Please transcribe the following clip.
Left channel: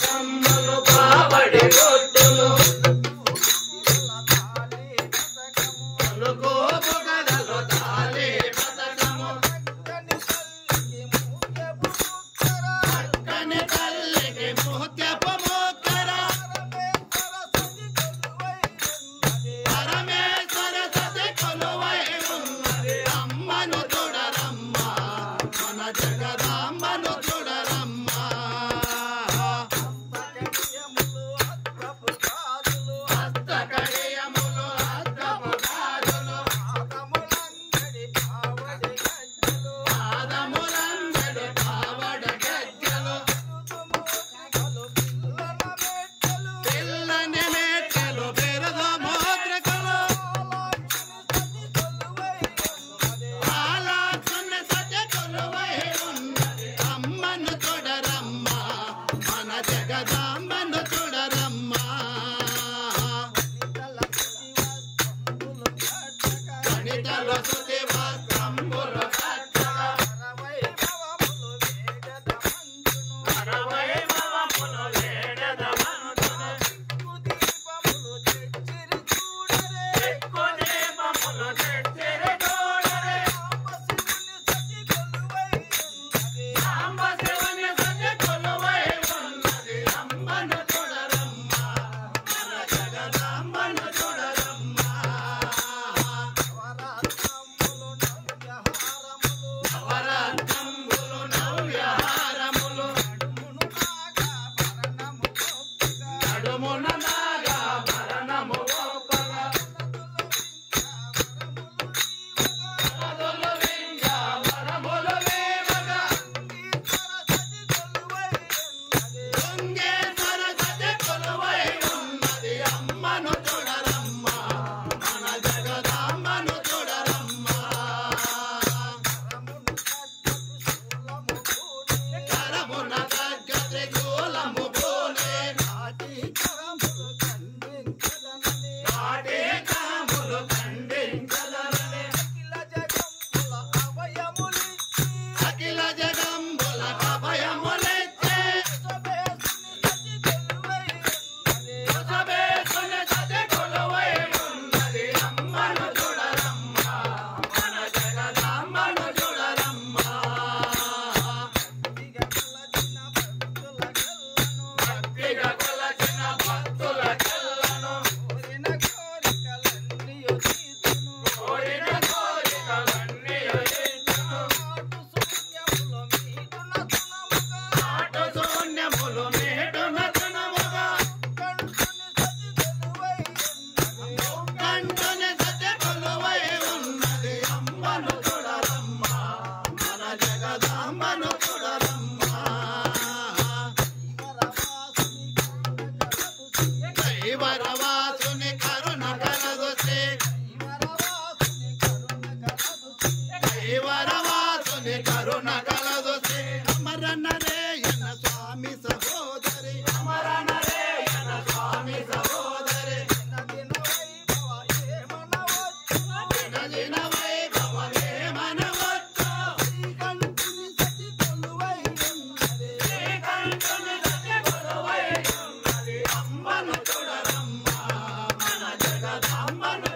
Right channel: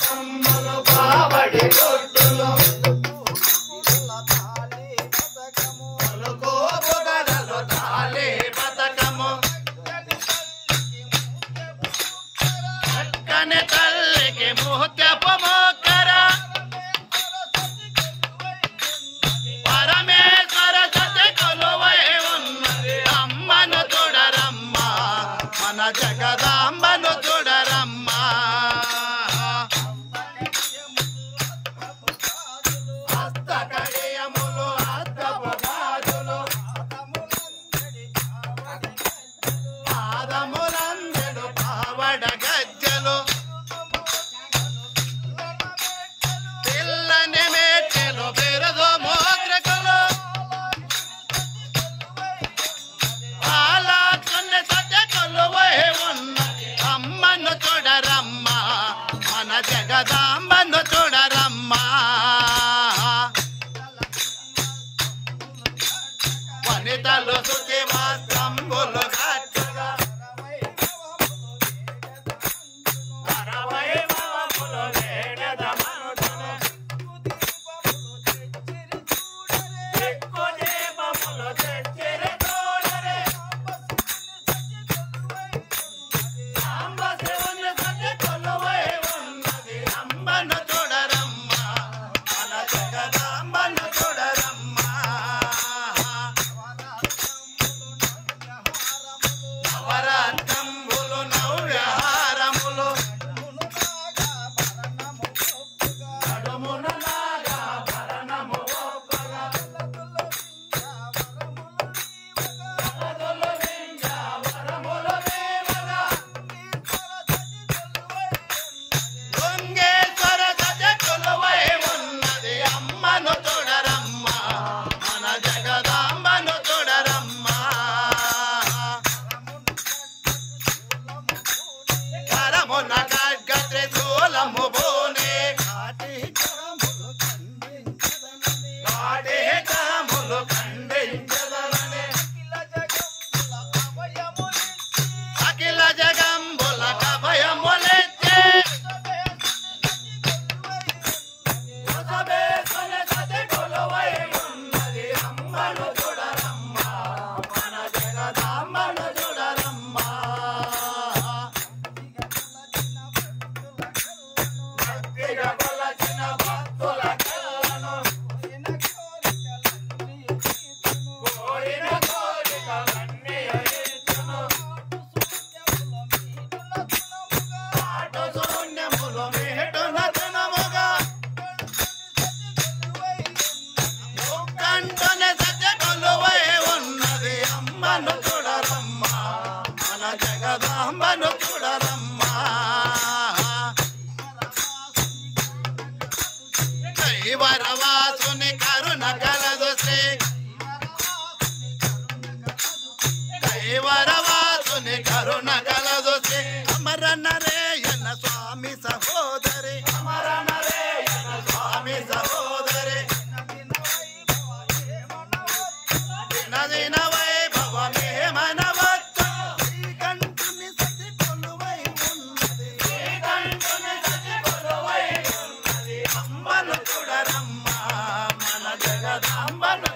కమ్ములు బావడి రొట్టులు పొగడలు తాలే పథకము పక్కనే తల్లికి ముహ్యపు మోకర పరమేశ్వర సత్య కొలువై ఉన్నది అమ్మను చూడరమ్మ మన జగదాంబను చూడరమ్మ హస్తకడియములు హస్తపు గాజులు పాదములందెడు పావడ గజ్జలు పిల్లని మేటలు బెరదు మోద్రకులు పాలకుని సత్య కొలువై ఉన్న అమ్మను చూడరమ్మ మన జగదాంబను చూడరమ్మ వనితలు శుచి వస్త్రంబులు కట్టగా కరవైభవములు వేడెదమనుటను ఎక్కు దీపములు తెచ్చిరి చూడరే సాంబ శివుని సత్య కొలువై ఉన్నది అమ్మను చూడరమ్మ మన జగదాంబను చూడరమ్మ నవరత్నంబులు నవ్యహారములు నడుమున నాగాభరణము ఒప్పగా అలదులు వింజావరములు వేవగా దొంగేశ్వర సత్య కొలువై ఉన్నది అమ్మను చూడరమ్మ మన జగదాంబను చూడరమ్మ కరమున ఖడ్గ త్రిశూలము బోనే కాములు ఖండించదనమే అఖిల జగంబుల కభయములెత్తే కొసబేసుని సత్య కొలువై ఉన్నది అమ్మను చూడరమ్మ మన జగదాంబను చూడరమ్మ భక్తిగా కొలచిన భక్తులకెల్లను కోరిన కోరికలన్నీ తీర్చును పాటు శూన్యములు మీటున తునముగా కంటుని సత్య కొలువై ఉన్నది అమ్మను చూడరమ్మ మన జగదాంబను చూడరమ్మ కైవరవాసుని కరుణ కలదు శ్రీ కైవరవాసుని కరుణ కలదు శ్రీ అమర నరేయన స్వామి సహోదరి అమర నరేయన స్వామి సహోదరి నదిన వైభవమే మనవత్తు శ్రీకంఠుని సతి కొలువై ఉన్నది శ్రీకంఠుని సతి కొలువై ఉన్నది అమ్మను చూడరమ్మ మన జగదాంబను